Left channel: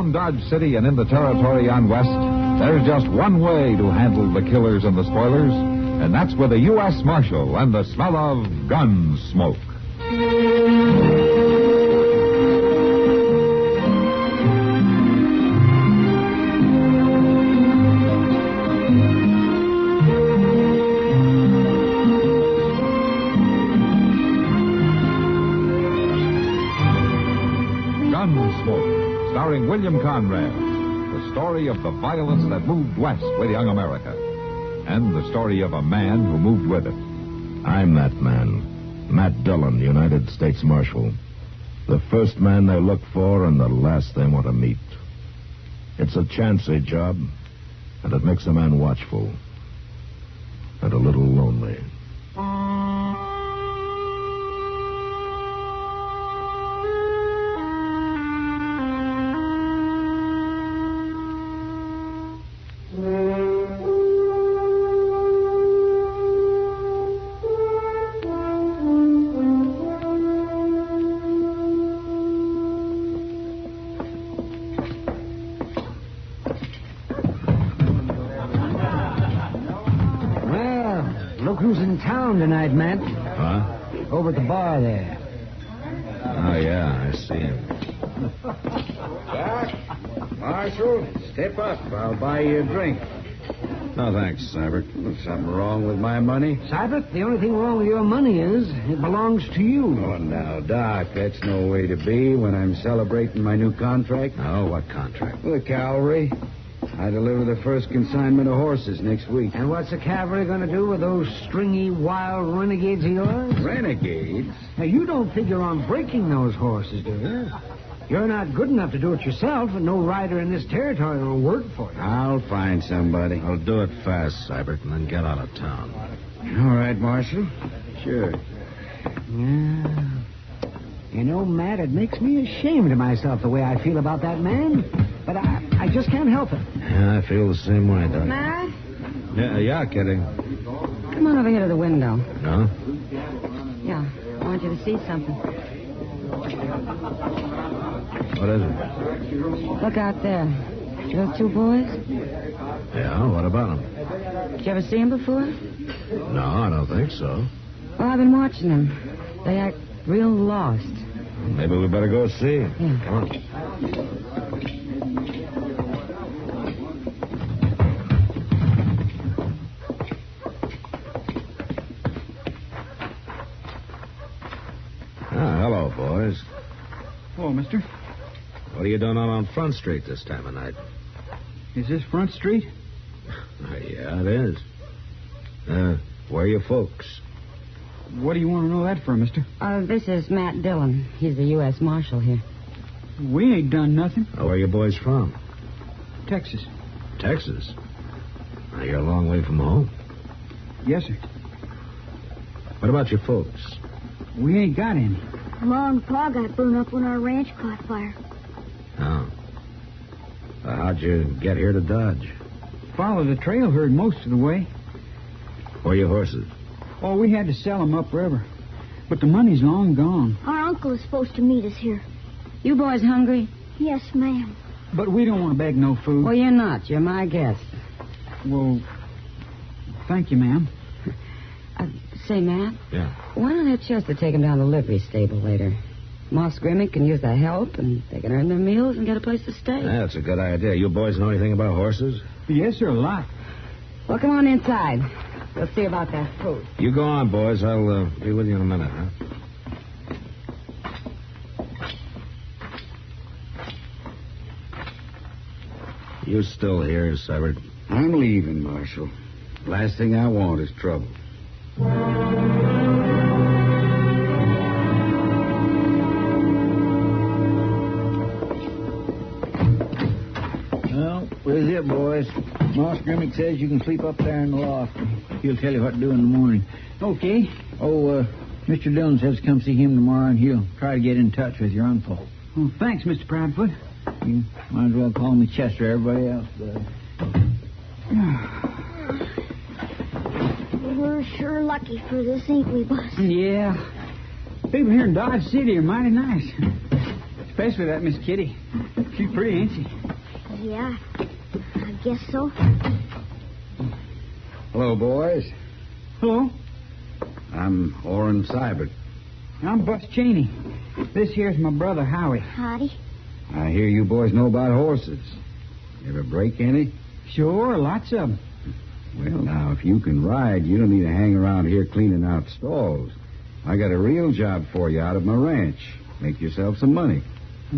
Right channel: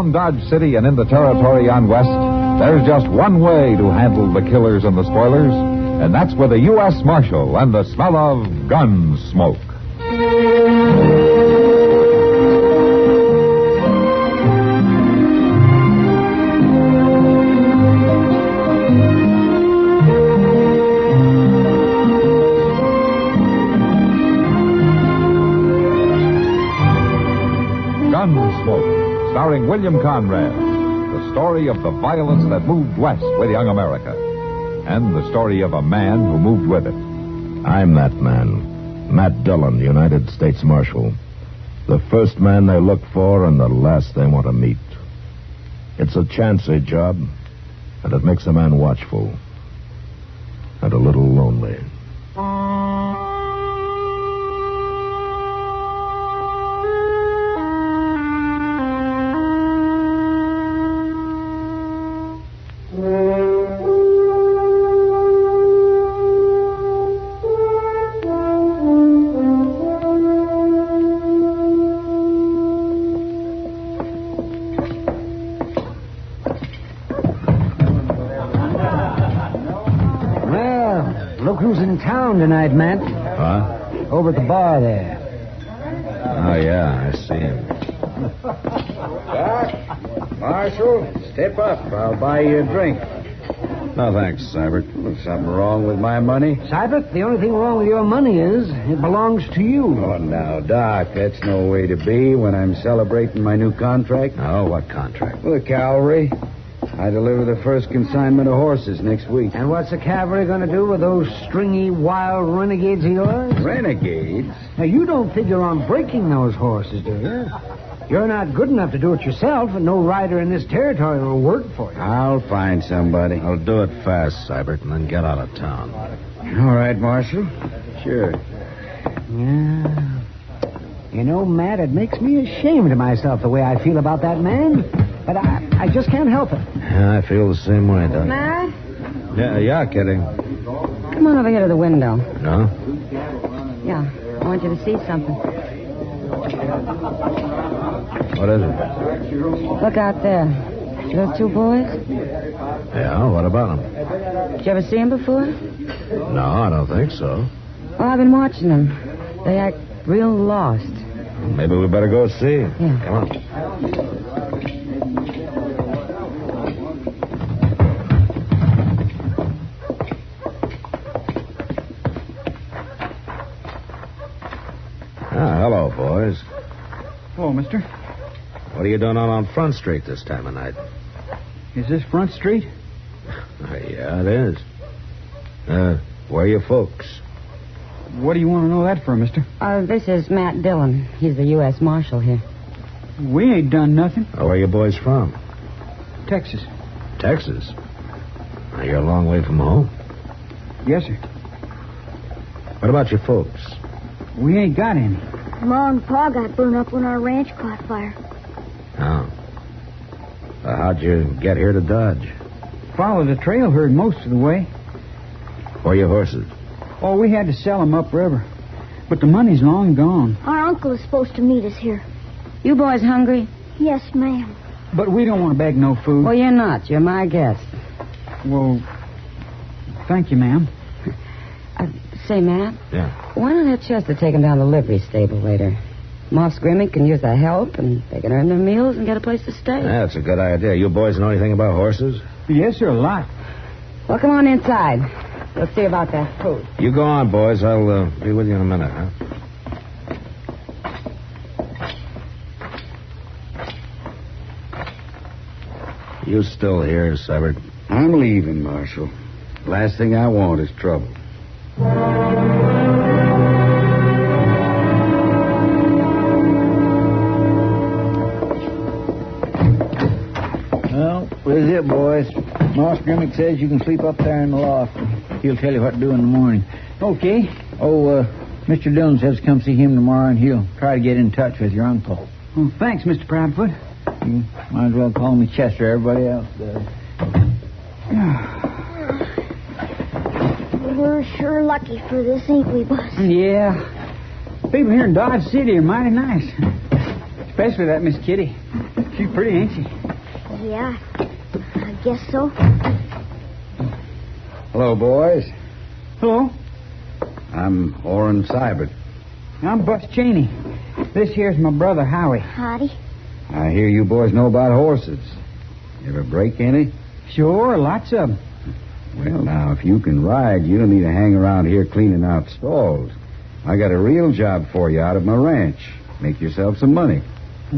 around Dodge City and in the territory on West, there's just one way to handle the killers and the spoilers, and that's with a U.S. Marshal and the smell of Gunsmoke. Gunsmoke, starring William Conrad, the story of the violence that moved west with young America, and the story of a man who moved with it. I'm that man, Matt Dillon, United States Marshal. The first man they look for and the last they want to meet. It's a chancy job, and it makes a man watchful and a little lonely. Who's in town tonight, Matt? Huh? Over at the bar there. Oh, yeah, I see him. Doc, Marshal, step up. I'll buy you a drink. No, thanks, Seibert. Something wrong with my money? Seibert, the only thing wrong with your money is it belongs to you. Oh, now, Doc, that's no way to be when I'm celebrating my new contract. Oh, what contract? With the cavalry. I deliver the first consignment of horses next week. And what's the cavalry going to do with those stringy, wild renegades of yours? Renegades? Now, you don't figure on breaking those horses, do you? You're not good enough to do it yourself, and no rider in this territory will work for you. I'll find somebody. I'll do it fast, Seibert, and then get out of town. All right, Marshal. Sure. Yeah. You know, Matt, it makes me ashamed of myself the way I feel about that man. But I just can't help it. Yeah, I feel the same way, Doc. Matt? Yeah, kidding. Come on over here to the window. No? Yeah, I want you to see something. What is it? Look out there. See those two boys? Yeah, what about them? Did you ever see them before? No, I don't think so. Well, I've been watching them. They act real lost. Maybe we better go see. Yeah. Come on. Hello, boys. Hello, mister. What are you doing on Front Street this time of night? Is this Front Street? Yeah, it is. Where are your folks? What do you want to know that for, mister? This is Matt Dillon. He's the U.S. Marshal here. We ain't done nothing. Where are you boys from? Texas. Texas? Now, you're a long way from home. Yes, sir. What about your folks? We ain't got any. Ma and Pa got burned up when our ranch caught fire. Oh. How'd you get here to Dodge? Followed the trail herd most of the way. Where are your horses? Oh, we had to sell them upriver. But the money's long gone. Our uncle is supposed to meet us here. You boys hungry? Yes, ma'am. But we don't want to beg no food. Well, you're not. You're my guest. Well, thank you, ma'am. Say, Matt. Yeah. Why not have Chester take him down to the livery stable later? Moss Grimmy can use the help, and they can earn their meals and get a place to stay. Yeah, that's a good idea. You boys know anything about horses? Yes, sir, a lot. Well, come on inside. We'll see about that food. You go on, boys. I'll be with you in a minute, huh? You still here, Seibert? I'm leaving, Marshal. Last thing I want is trouble. Well, this is it, boys. Moss Grimmick says you can sleep up there in the loft. He'll tell you what to do in the morning. Okay. Oh, Mr. Dillon says to come see him tomorrow, and he'll try to get in touch with your uncle. Well, thanks, Mr. Proudfoot. You might as well call me Chester. Everybody else does. We're sure lucky for this, ain't we, boss? Yeah. People here in Dodge City are mighty nice. Especially that Miss Kitty. She's pretty, ain't she? Yeah, I guess so. Hello, boys. Hello. I'm Orrin Seibert. I'm Bus Cheney. This here's my brother, Howie. Howdy. I hear you boys know about horses. You ever break any? Sure, lots of them. Well, now, if you can ride, you don't need to hang around here cleaning out stalls. I got a real job for you out of my ranch. Make yourself some money.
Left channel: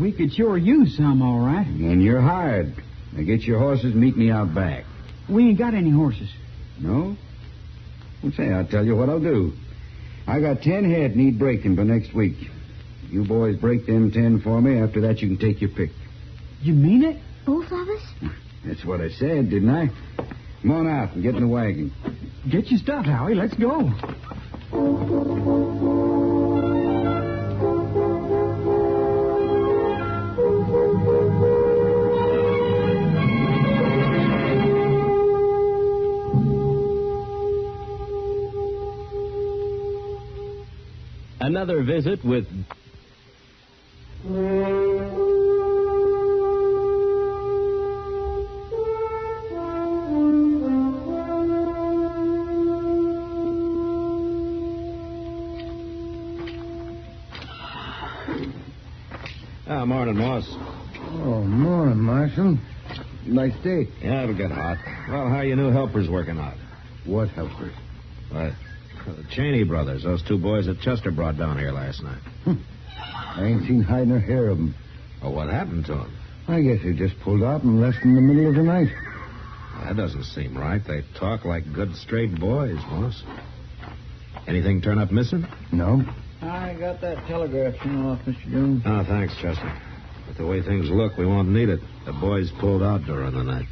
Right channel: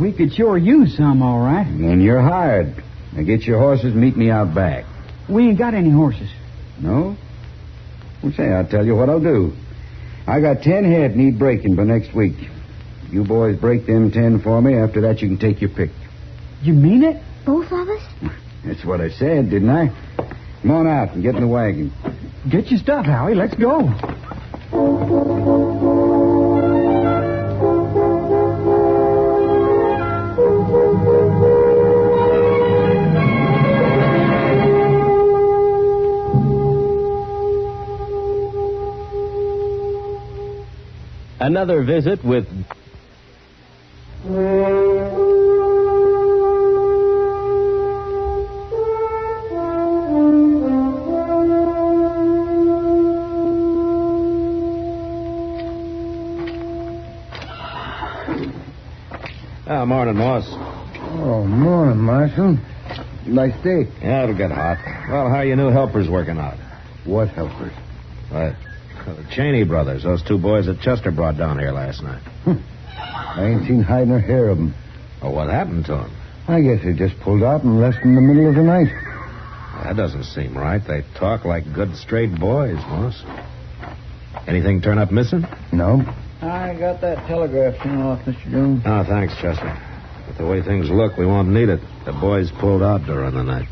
We could sure use some, all right. And you're hired. Now get your horses and meet me out back. We ain't got any horses. No? Well, say, I'll tell you what I'll do. I got 10 head need breaking by next week. You boys break them 10 for me. After that, you can take your pick. You mean it? Both of us? That's what I said, didn't I? Come on out and get in the wagon. Get your stuff, Howie. Let's go. Another visit with... Morning, Moss. Oh, morning, Marshal. Nice day. Yeah, it'll get hot. Well, how are your new helpers working out? What helpers? What? The Cheney brothers, those two boys that Chester brought down here last night. I ain't seen hide nor hair of them. Well, what happened to them? I guess they just pulled out and left in the middle of the night. That doesn't seem right. They talk like good, straight boys, Moss. Anything turn up missing? No. I got that telegraph sent off, Mr. Jones. Oh, thanks, Chester. But the way things look, we won't need it. The boys pulled out during the night.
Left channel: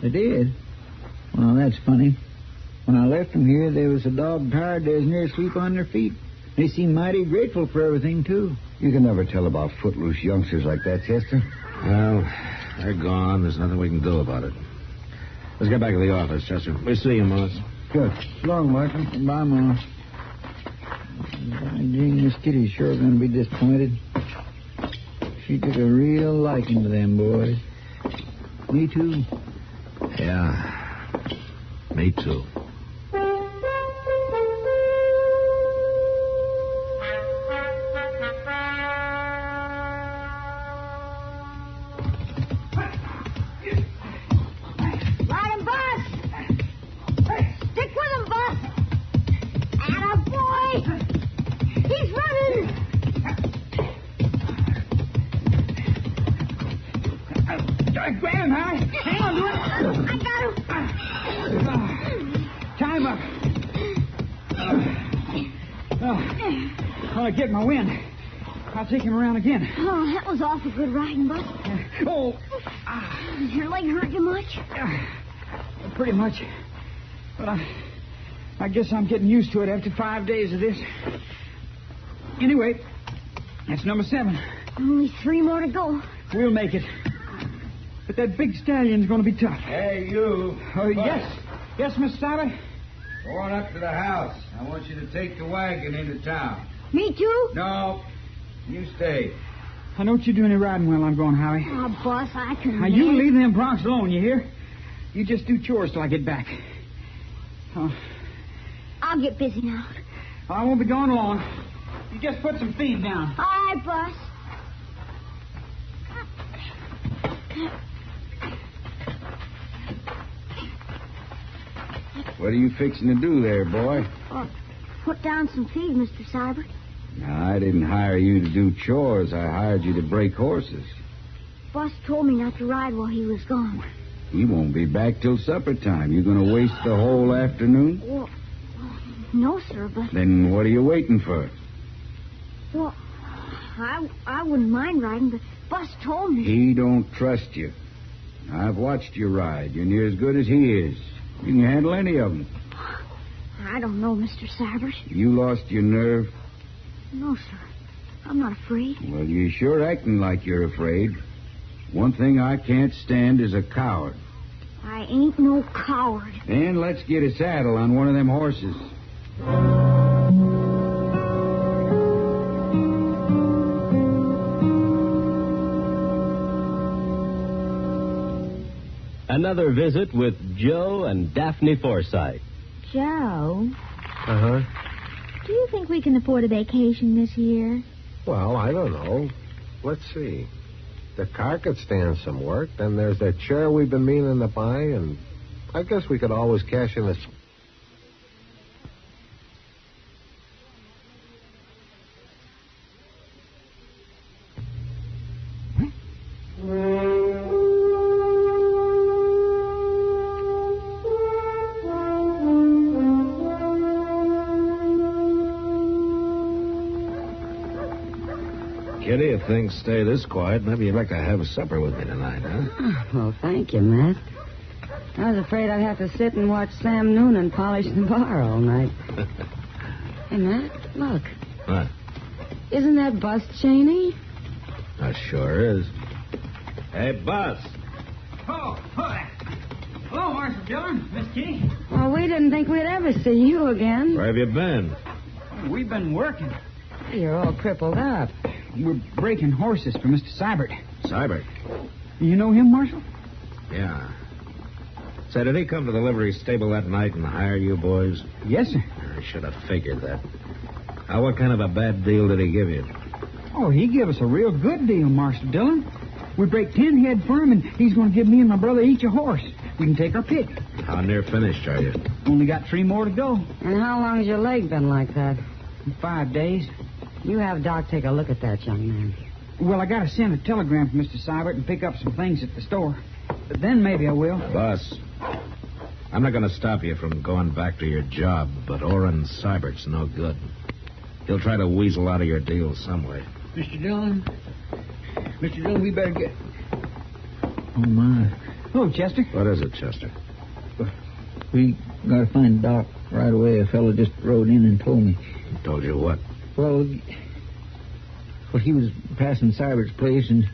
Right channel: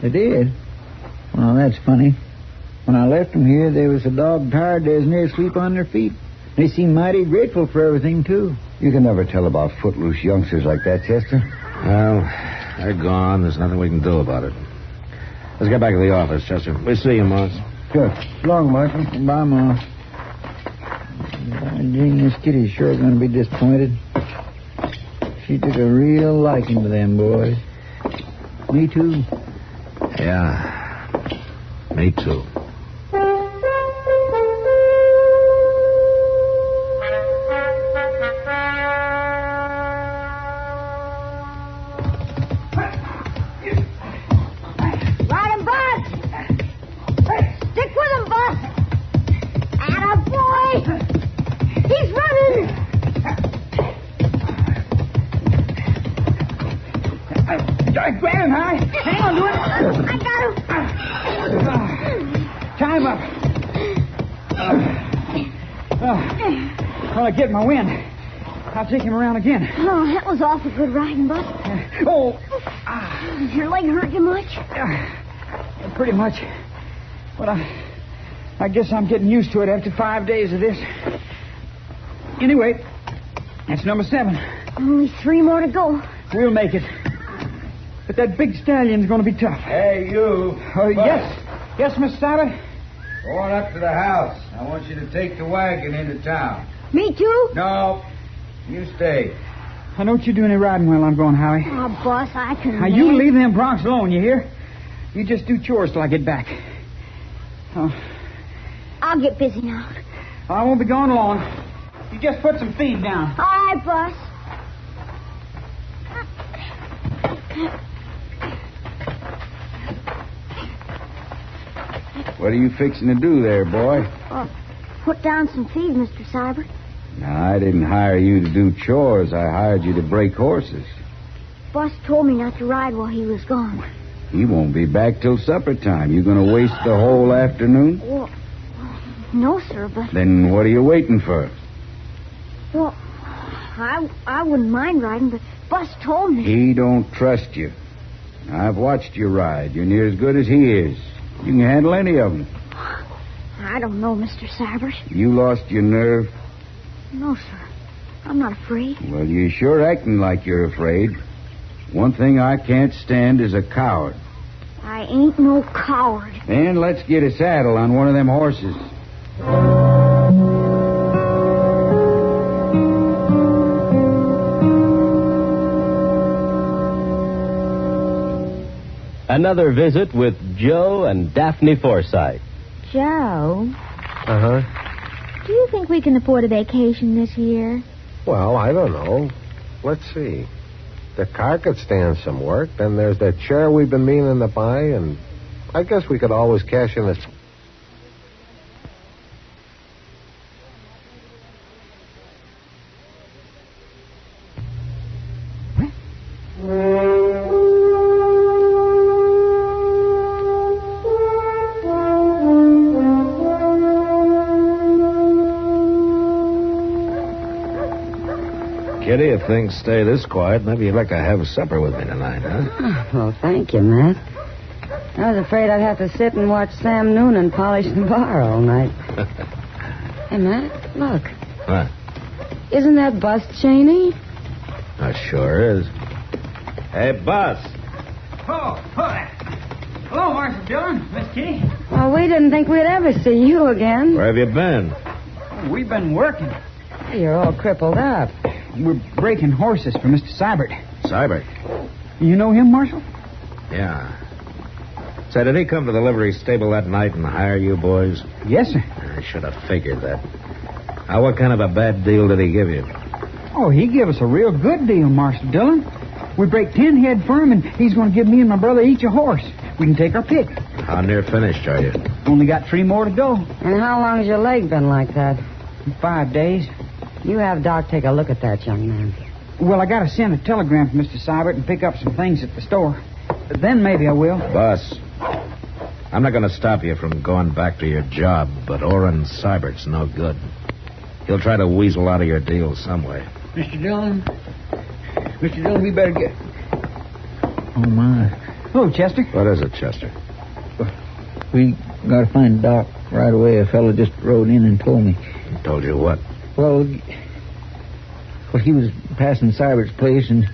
They did? Well, that's funny. When I left them here, they was so dog tired they was near asleep on their feet. They seemed mighty grateful for everything, too. You can never tell about footloose youngsters like that, Chester. Well, they're gone. There's nothing we can do about it. Let's get back to the office, Chester. We'll see you, Moss. Good. So long, Marshal. Bye, Moss. By Jing, this Kitty's sure going to be disappointed. She took a real liking to them boys. Me, too. Yeah, me too. Ride him, Bus! Stick with him, Bus! Attaboy! He's running! Grab him, Howie. Hang on to it. I got him. Tie him up. Well, I get my wind. I'll take him around again. Oh, that was awful good riding, Bus. Oh, Does your leg hurt you much? pretty much. But I guess I'm getting used to it after 5 days of this. Anyway, that's number 7. Only 3 more to go. We'll make it. But that big stallion's going to be tough. Hey, you. Yes. Yes, Mr. Sabbath? Go on up to the house. I want you to take the wagon into town. Me too? No, you stay. I don't you do any riding while I'm going, Howie. Oh, Boss, I can Now, you leave them broncs alone, you hear? You just do chores till I get back. Oh, I'll get busy now. I won't be gone long. You just put some feed down. All right, Boss. What are you fixing to do there, boy? Put down some feed, Mr. Seibert. Now, I didn't hire you to do chores. I hired you to break horses. Boss told me not to ride while he was gone. He won't be back till supper time. You going to waste the whole afternoon? Well, no, sir, but... Then what are you waiting for? Well, I wouldn't mind riding, but Boss told me. He don't trust you. I've watched you ride. You're near as good as he is. You can handle any of them. I don't know, Mr. Seibert. You lost your nerve? No, sir. I'm not afraid. Well, you're sure acting like you're afraid. One thing I can't stand is a coward. I ain't no coward. Then let's get a saddle on one of them horses. another visit with Joe and Daphne Forsythe. Joe, Uh-huh. do you think we can afford a vacation this year? Well, I don't know. Let's see. The car could stand some work. Then there's that chair we've been meaning to buy, and I guess we could always cash in this. Kitty, if things stay this quiet, maybe you'd like to have supper with me tonight, huh? Oh, well, thank you, Matt. I was afraid I'd have to sit and watch Sam Noonan polish the bar all night. Hey, Matt, look. What? Isn't that Bust Cheney? Sure is. Hey, Bus. Oh, hi. Hello, Marshal Dillon, Miss Kitty. Well, we didn't think we'd ever see you again. Where have you been? Oh, we've been working. You're all crippled up. We're breaking horses for Mr. Seibert. Seibert. You know him, Marshal? Yeah. Say, did he come to the livery stable that night and hire you boys? Yes, sir. I should have figured that. Now, what kind of a bad deal did he give you? Oh, he gave us a real good deal, Marshal Dillon. We break 10 head for him, and he's going to give me and my brother each a horse. We can take our pick. How near finished are you? Only got 3 more to go. And how long's your leg been like that? 5 days. You have Doc take a look at that, young man. Well, I got to send a telegram to Mr. Seibert and pick up some things at the store. Then maybe I will. Boss, I'm not going to stop you from going back to your job, but Orrin Seibert's no good. He'll try to weasel out of your deal some way. Mr. Dillon, we better get... Oh, my. Hello, Chester. What is it, Chester? We got to find Doc right away. A fellow just rode in and told me. Told you what? Well, he was passing Seibert's place, and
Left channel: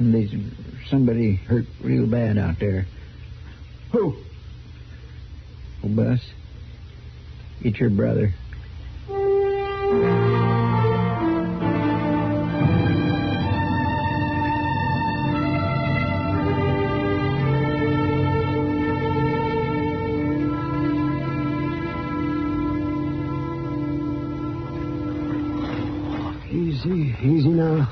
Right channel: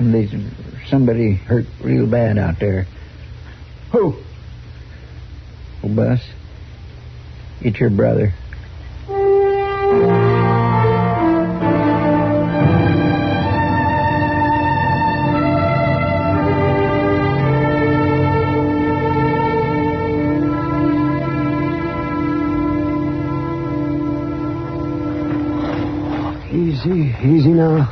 there's somebody hurt real bad out there. Who? Oh, Bus, it's your brother. Easy now.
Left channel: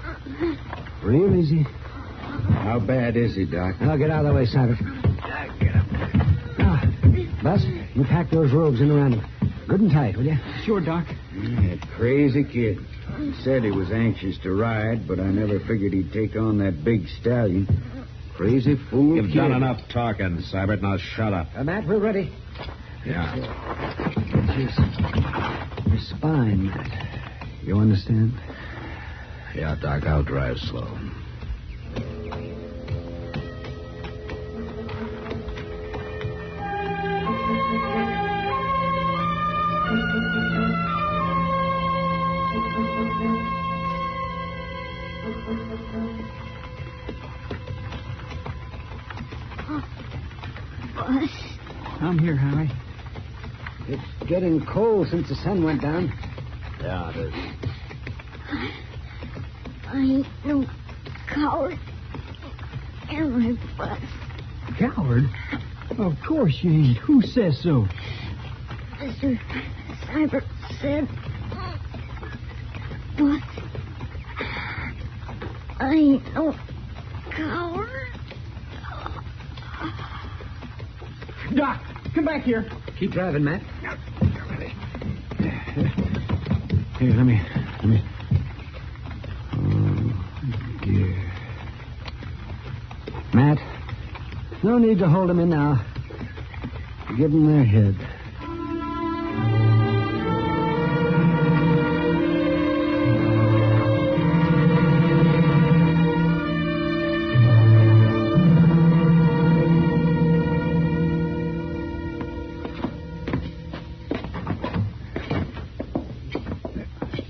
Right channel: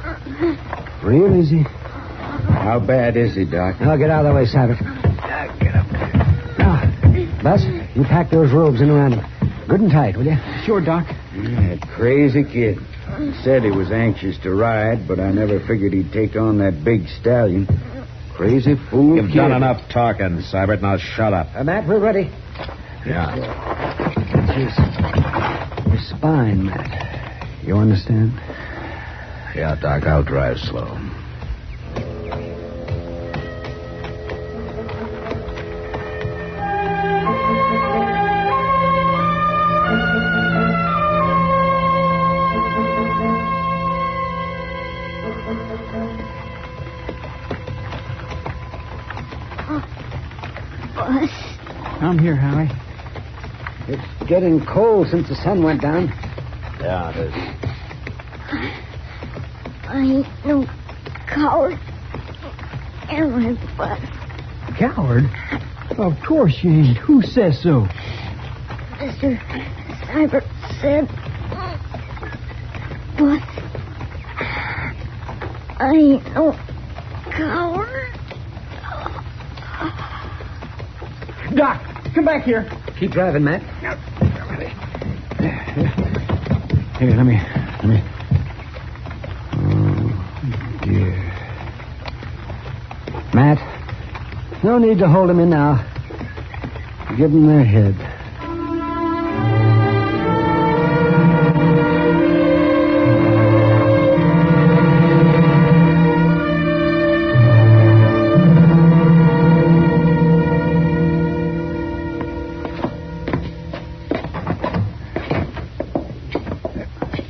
Real easy. How bad is he, Doc? Now, get out of the way, Seibert. Get up there. Now, Bus, you pack those robes in around him. Good and tight, will you? Sure, Doc. That crazy kid. He said he was anxious to ride, but I never figured he'd take on that big stallion. Crazy fool. You've done enough talking, Seibert. Now shut up. Matt, we're ready. Yeah. Jeez. Your spine, Matt. You understand? Yeah, Doc, I'll drive slow. Bus. I'm here, Howie. It's getting cold since the sun went down. Yeah, it is. I ain't no coward. Am I, Bus? Coward? Of course you ain't. Who says so? Mr. Seibert said... Bus, I ain't no coward. Doc, come back here. Keep driving, Matt. Here, let me. Oh, dear. Matt, no need to hold them in now. Give them their head.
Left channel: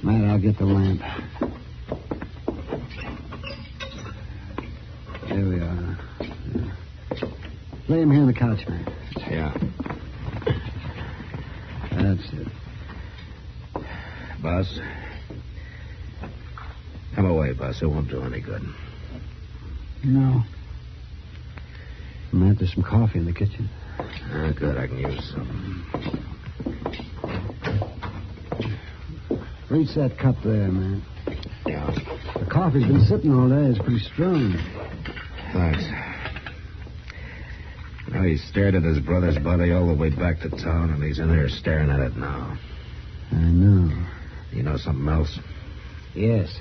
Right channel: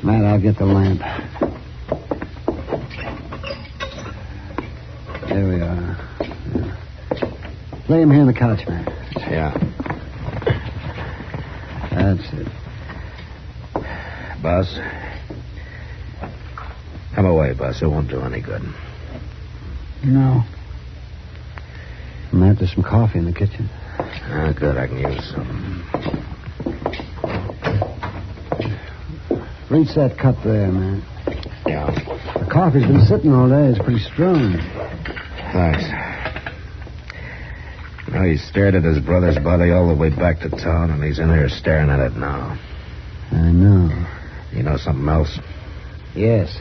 Matt, I'll get the lamp. There we are. Lay him here on the couch, Matt. Yeah. That's it. Bus. Come away, Bus. It won't do any good. No. Matt, there's some coffee in the kitchen. Ah, good. I can use some. Reach that cup there, man. Yeah. The coffee's been sitting all day. It's pretty strong. Thanks. Now, he stared at his brother's body all the way back to town, and he's in here staring at it now. I know. You know something else? Yes.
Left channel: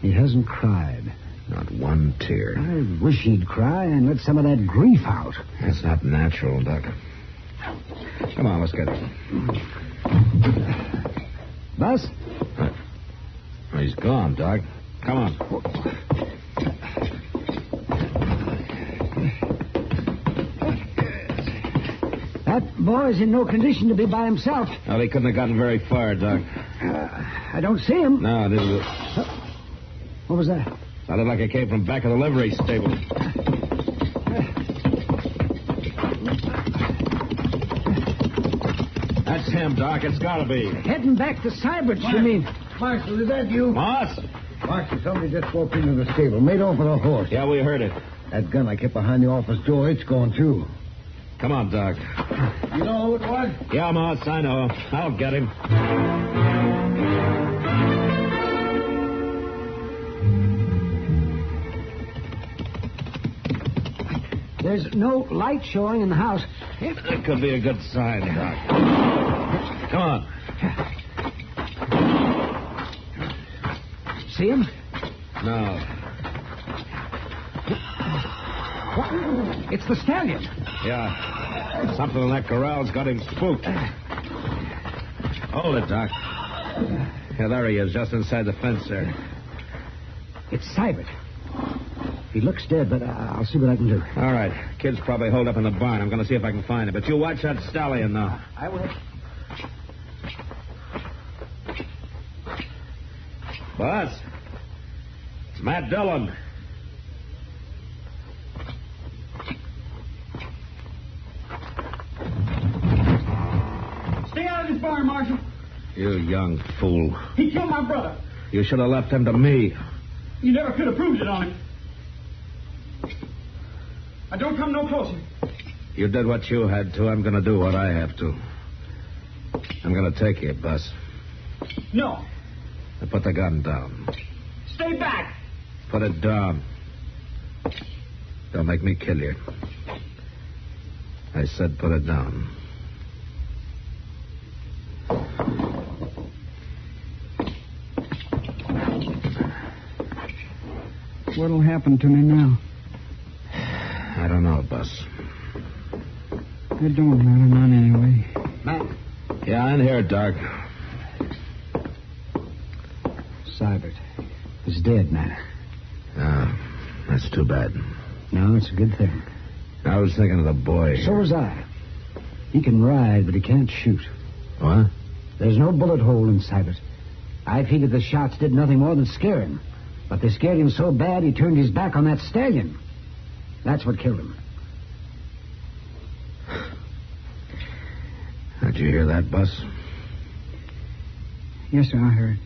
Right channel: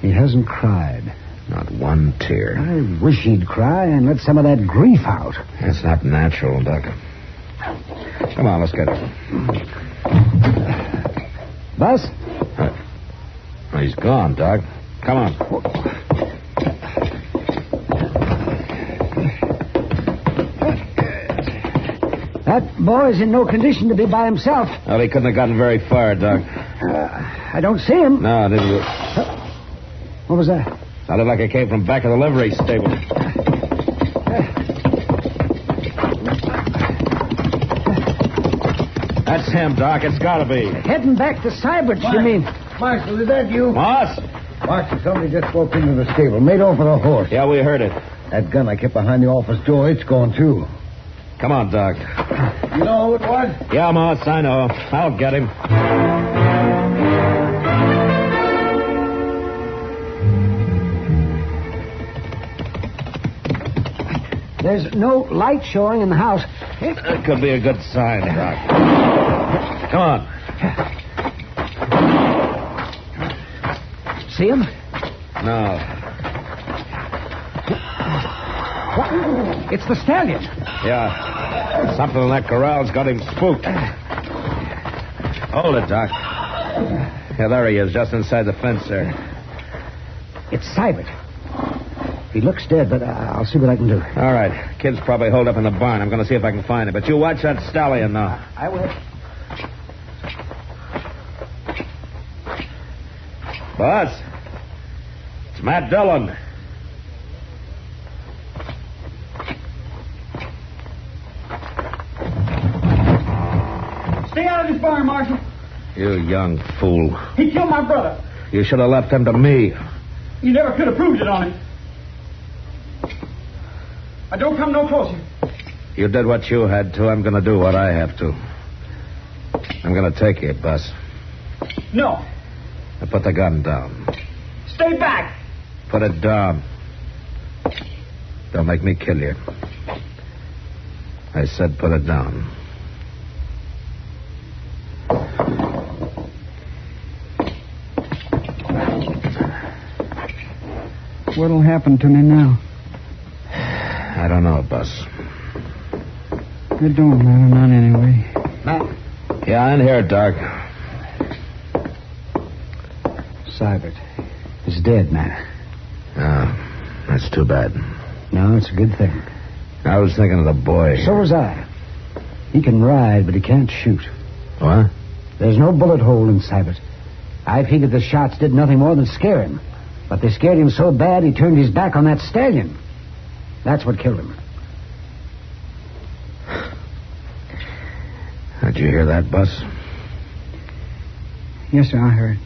He hasn't cried. Not one tear. I wish he'd cry and let some of that grief out. That's not natural, Doc. Come on, let's get it. Bus? He's gone, Doc. Come on. That boy's in no condition to be by himself. Well, he couldn't have gotten very far, Doc. I don't see him. No, it didn't. What was that? Sounded like it came from back of the livery stable. That's him, Doc. It's got to be. Heading back to Cybert's, you mean? Marshal, is that you? Moss? Marshal, somebody just walked into the stable. Made off with a horse. Yeah, we heard it. That gun I kept behind the office door, it's gone, too. Come on, Doc. You know who it was? Yeah, Moss, I know. I'll get him. There's no light showing in the house. That could be a good sign, Doc. Come on. See him? No. What? It's the stallion. Yeah. Something in that corral's got him spooked. Hold it, Doc. Yeah, there he is, just inside the fence there. It's Cybert. He looks dead, but I'll see what I can do. All right. Kid's probably holed up in the barn. I'm going to see if I can find him. But you watch that stallion now. I will. Boss, it's Matt Dillon. Stay out of this barn, Marshal. You young fool. He killed my brother. You should have left him to me. You never could have proved it on him. I don't come no closer. You did what you had to. I'm going to do what I have to. I'm going to take you, Bus. No. Now put the gun down. Stay back. Put it down. Don't make me kill you. I said put it down. What'll happen to me now? I don't know, Bus. It don't matter none anyway. Matt. Yeah, in here, Doc. Cybert is dead, Matt. Oh, that's too bad. No, it's a good thing. I was thinking of the boy. So was I. He can ride, but he can't shoot. What? There's no bullet hole in Cybert. I figured the shots did nothing more than scare him. But they scared him so bad he turned his back on that stallion. That's what killed him. Did you hear that, Bus? Yes, sir, I heard.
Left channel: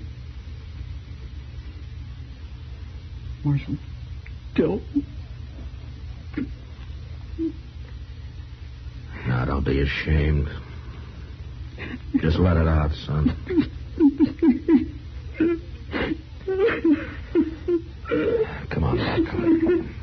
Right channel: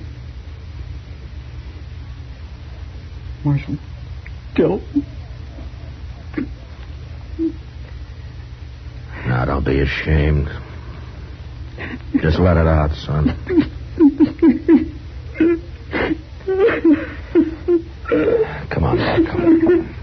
Marshal Dillon. Now, don't be ashamed. Just let it out, son. Come on, Doc. Come on.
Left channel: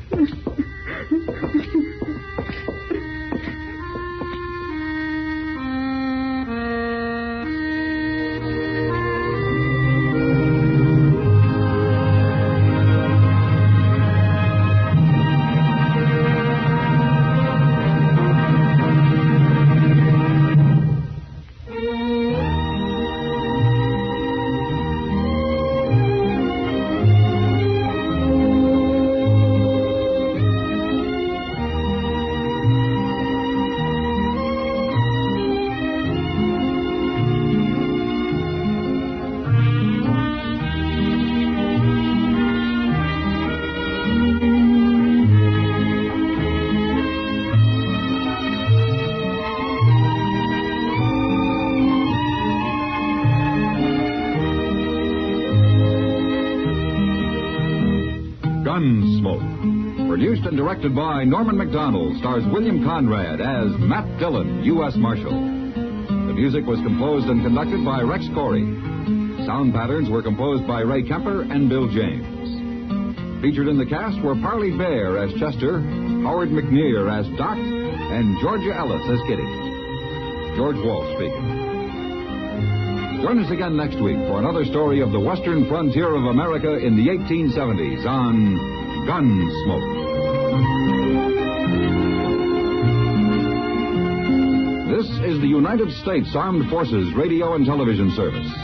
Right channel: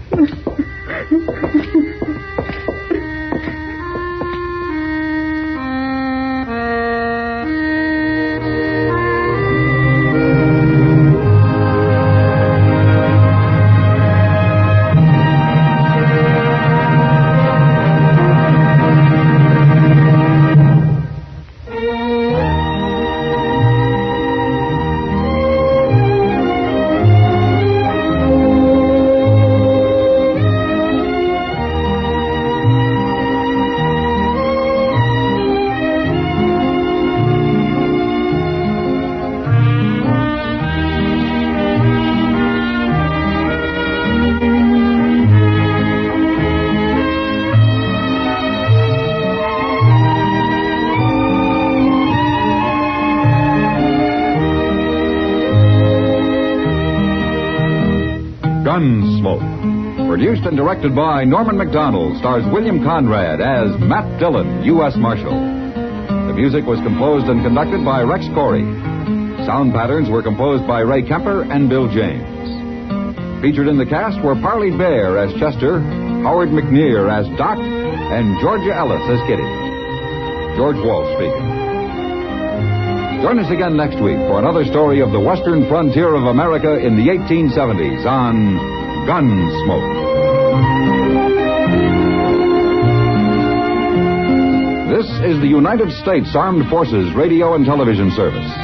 Gunsmoke, Produced and directed by Norman Macdonnell, stars William Conrad as Matt Dillon, U.S. Marshal. The music was composed and conducted by Rex Corey. Sound patterns were composed by Ray Kemper and Bill James. Featured in the cast were Parley Bear as Chester, Howard McNear as Doc, and Georgia Ellis as Kitty. George Walsh speaking. Join us again next week for another story of the western frontier of America in the 1870s on Gunsmoke. This is the United States Armed Forces Radio and Television Service.